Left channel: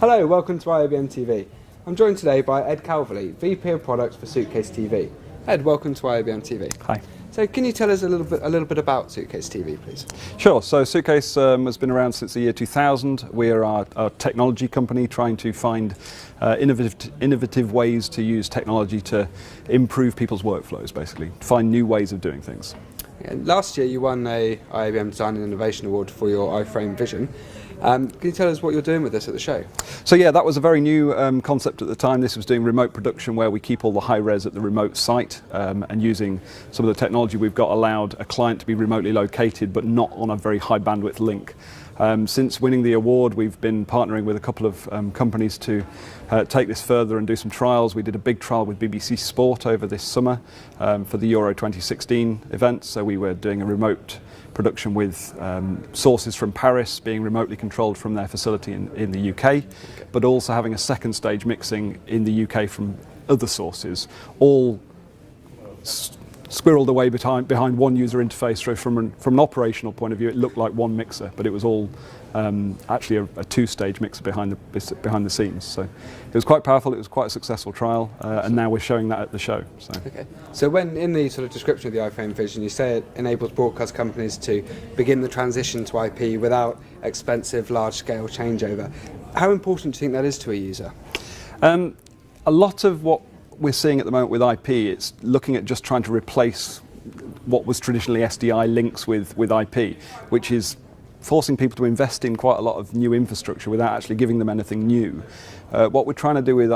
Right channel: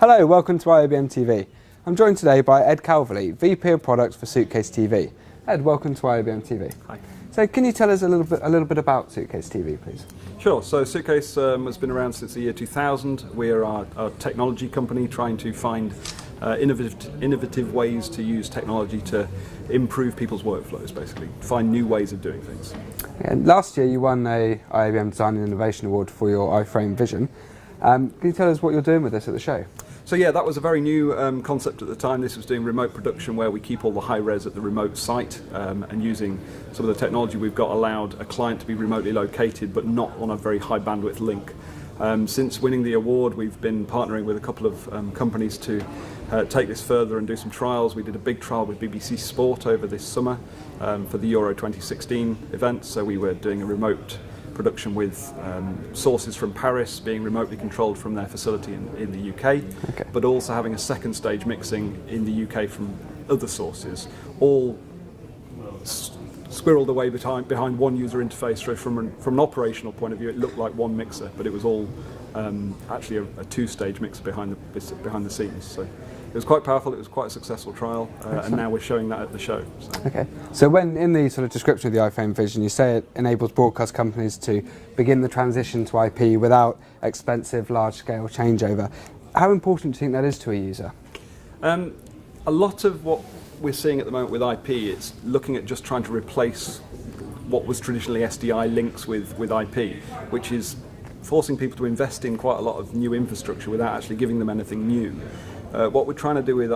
Hello, welcome to IABM TV. I'm joined today by Ed Calverley, VP of Product for Suitcase TV. Ed, welcome to IABM TV. Hi. So can you tell us a little bit about Suitcase TV, please? Sure. So Suitcase has been around since the year 2000. We are a technology company trying to find innovative ways to use technology to improve people's workflows, basically, find new ways of doing things. And last year you won a IABM Design and Innovation Award for your Iphrame vision. Can you tell us what you're doing with this at the show? So yeah, that was a very new concept at the time. This was doing remote production where we keep all the high res at the remote site, and using some of the technology we've got allowed a client to be remotely located but not on a very high bandwidth link. Since winning the award, we've been partnering with a couple of companies to take this further and do some trials. We did a big trial with BBC Sport over this summer for the Euro 2016 event, so we were doing a remote production with sources from Paris being remotely controlled from their facility in the UK, but also having a second stage mixing in the UK from other sources, all squirreled away behind one user interface. So from an operational point of view, it looked like one mixer, but it was all actually a two-stage mixer behind the scenes. So it was quite powerful. It was quite a successful trial, and now we're showing that at the show. So. Okay. So when in the sort of description of the Iphrame vision, you say it enables broadcast companies to begin the transition to IP without expensive, large-scale changeover. How important do you think that is to a user? A lot of what we're seeing at the moment with IP, it's looking at just trying to replace what was traditionally SDI links with IP, which is forcing people to invest in quite a lot of new infrastructure without actually giving them anything new. What we're trying to do with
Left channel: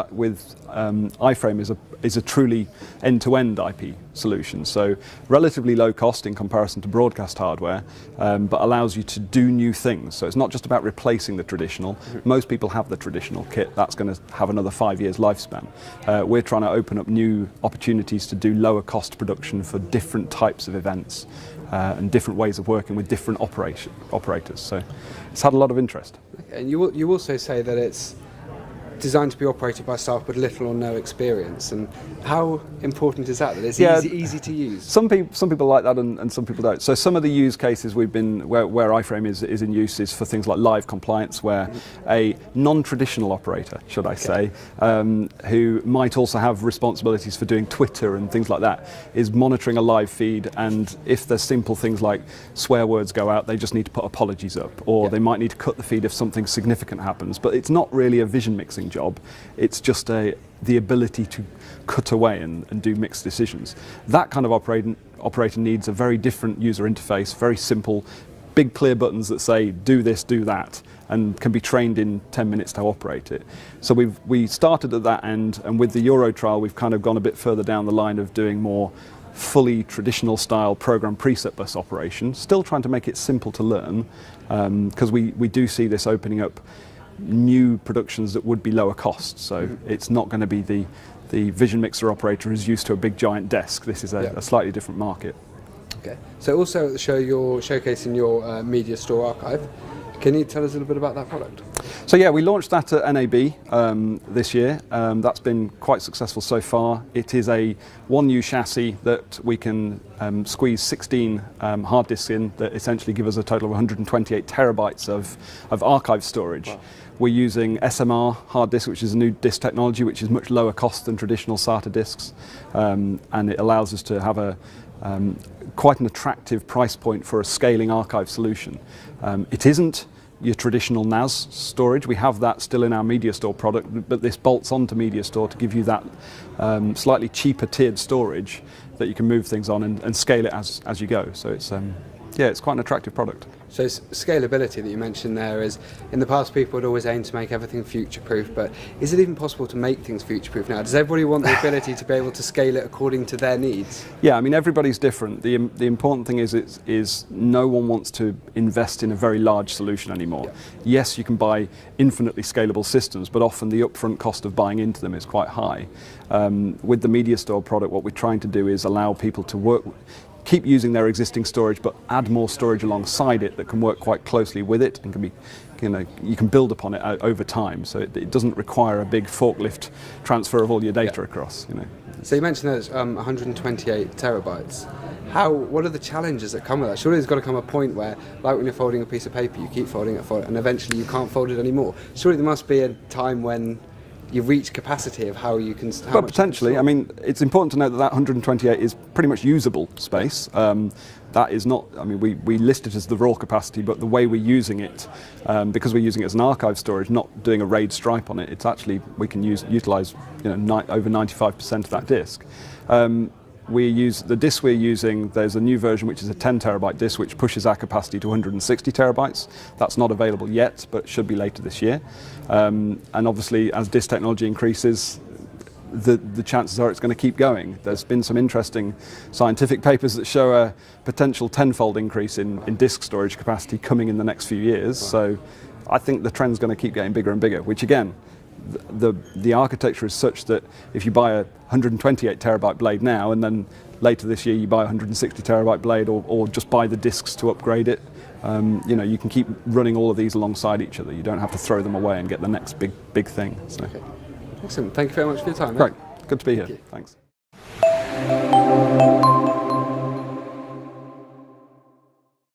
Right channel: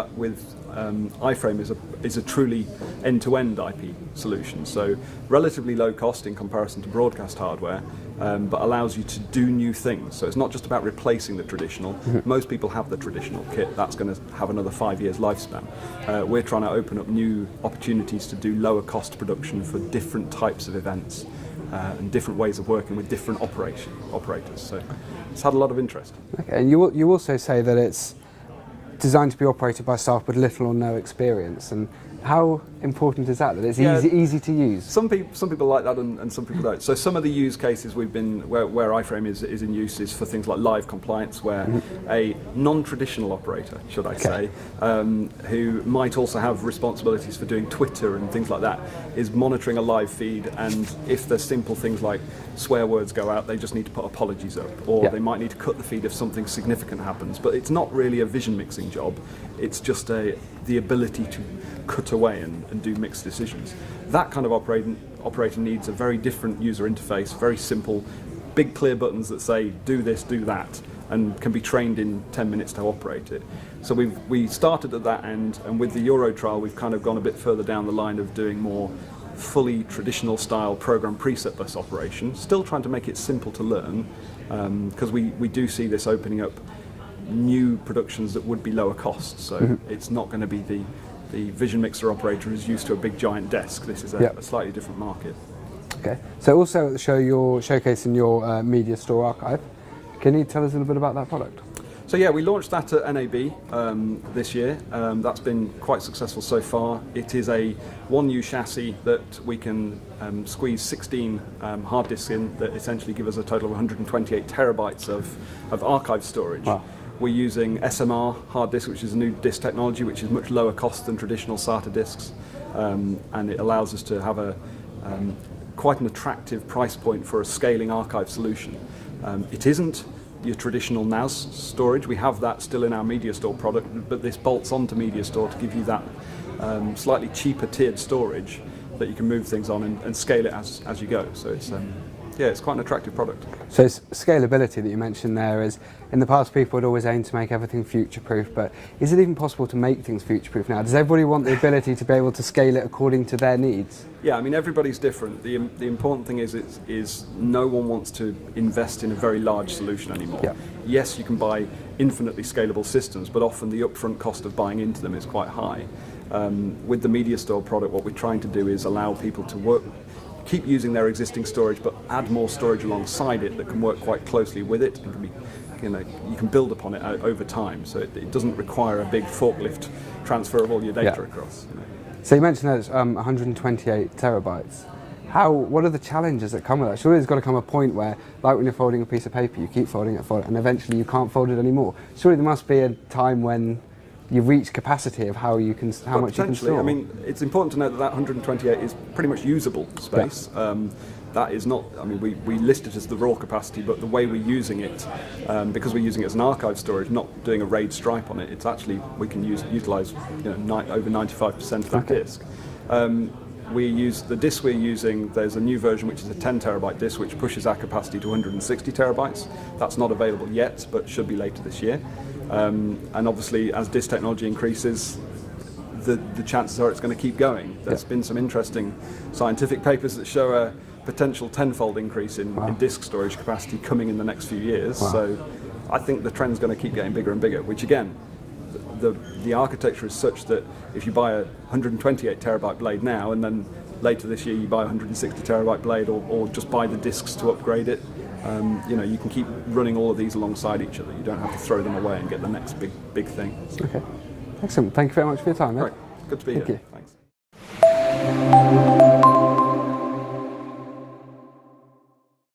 Iphrame is a truly end-to-end IP solution, so relatively low cost in comparison to broadcast hardware, but allows you to do new things. So it's not just about replacing the traditional. Most people have the traditional kit. That's going to have another 5 years lifespan. We're trying to open up new opportunities to do lower cost production for different types of events and different ways of working with different operators. So it's had a lot of interest. Okay. And you also say that it's designed to be operated by staff with little or no experience, and how important is that? It's easy to use. Some people like that, and some people don't. So some of the use cases where Iphrame is in use is for things like live compliance, where a non-traditional operator, should I say, who might also have responsibilities for doing Twitter and things like that, is monitoring a live feed, and if there's simple things like swear words go out, they just need to put apologies up, or they might need to cut the feed if something significant happens. But it's not really a vision mixing job. It's just the ability to cut away and do mixed decisions. That kind of operator needs a very different user interface, very simple, big clear buttons that say do this, do that, and can be trained in 10 minutes to operate it. So we started at that end, and with the Euro trial we've kind of gone a bit further down the line of doing more fully traditional style program preset bus operation, still trying to make it simple to learn, because we do see this opening up new productions that would be lower cost. So it's not going to be the vision mixer operator who's used to a big giant desk. This is a slightly different market. Okay. So also at the show you're showcasing your Mediastore archive. Can you tell us a little bit about that product? So yeah, we launched that at NAB this year. That's been quite successful so far. It is a one-new chassis that we can squeeze 16 hard disks in that essentially give us a total of 128 terabytes of archive storage. Wow. We're using SMR hard disk, which is a new disk technology, which is much lower cost than traditional SATA disks, and it allows us to have quite an attractive price point for a scaling archive solution. It isn't your traditional NAS storage. We have that still in our Mediastore product, but this bolts onto Mediastore to give you that slightly cheaper tiered storage that you can move things on and scale it as you go. So it's quite an attractive product. So scalability that you mentioned there is, in the past people would always aim to make everything future-proof, but is it even possible to make things future-proof now? Does everybody want the ability to be able to scale it according to their needs? Yeah, I mean everybody's different. The important thing is no one wants to invest in a very large solution anymore. Yeah. Yes, you can buy infinitely scalable systems, but often the upfront cost of buying into them is quite high. With the Mediastore product, what we're trying to do is allow people to keep using their existing storage, but add more storage alongside it that can work quite closely with it and can be, you can build upon it over time. So it doesn't require a big forklift transfer of all your data across. So you mentioned that it's 128 terabytes. What are the challenges that come with that? Surely there's got to come a point where, like when you're folding a piece of paper, you keep folding it, and eventually you can't fold it anymore. Surely there must be a time when you've reached capacity of how you can, how but much potentially, you can I store. mean, it's important to note that 128 is pretty much usable space. That is not, I mean, we list it as the raw capacity, but the way we're using it, because we're using it as an archive storage, not doing a RAID stripe on it, it's actually, we can utilise over 95% of that disk. We use the disk we're using. There's a new version which is a 10 terabyte disk which pushes our capacity to 160 terabytes. That's not available yet, but should be later this year. And obviously, as disk technology increases, the chances are it's going to keep going. There's been some interesting scientific papers that show a potential tenfold increase in disk storage capacity coming in the next few years. So I think the trend's going to keep getting bigger and bigger, which again, the architecture is such that if you buy a 128 terabyte blade now and then later this year you buy a 160 terabyte blade or just buy the disks to upgrade it, you can keep running all of these alongside each other. You don't have to throw them away and get the next big thing. So. Okay, excellent. Thank you very much for your time. Great, good to be here. You. Thanks.